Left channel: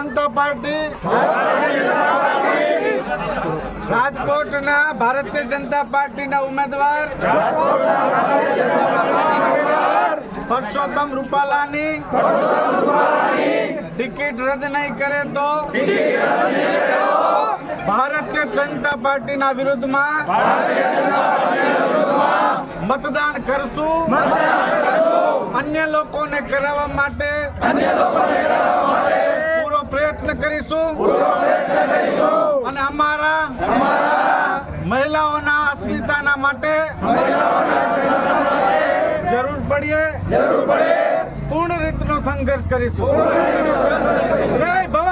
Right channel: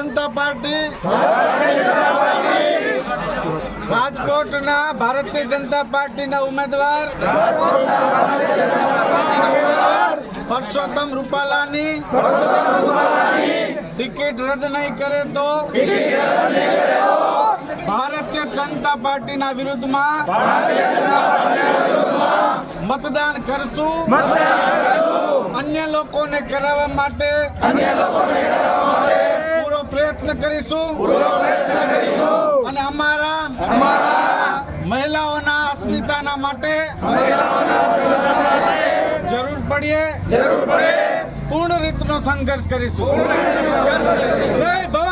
જનતા party રાજકોટના ભારતીય જનતા પાર્ટીના ઉમેદવાર પરસોત્તમ રૂપાલાની ટિકિટ રદ નહીં કરે તો ભારતીય જનતા પાર્ટીના વિરુદ્ધમાં મતદાન કરશું. અન્ય લોકોને કરાવવા માટે પૂરો પ્રયત્ન કરીશું અને અમારા મહિલાઓના અસ્મિતાના માટે જરૂર પડે પૂર્ણ રીતનો સંઘર્ષ કરીશું. જય ભવાની.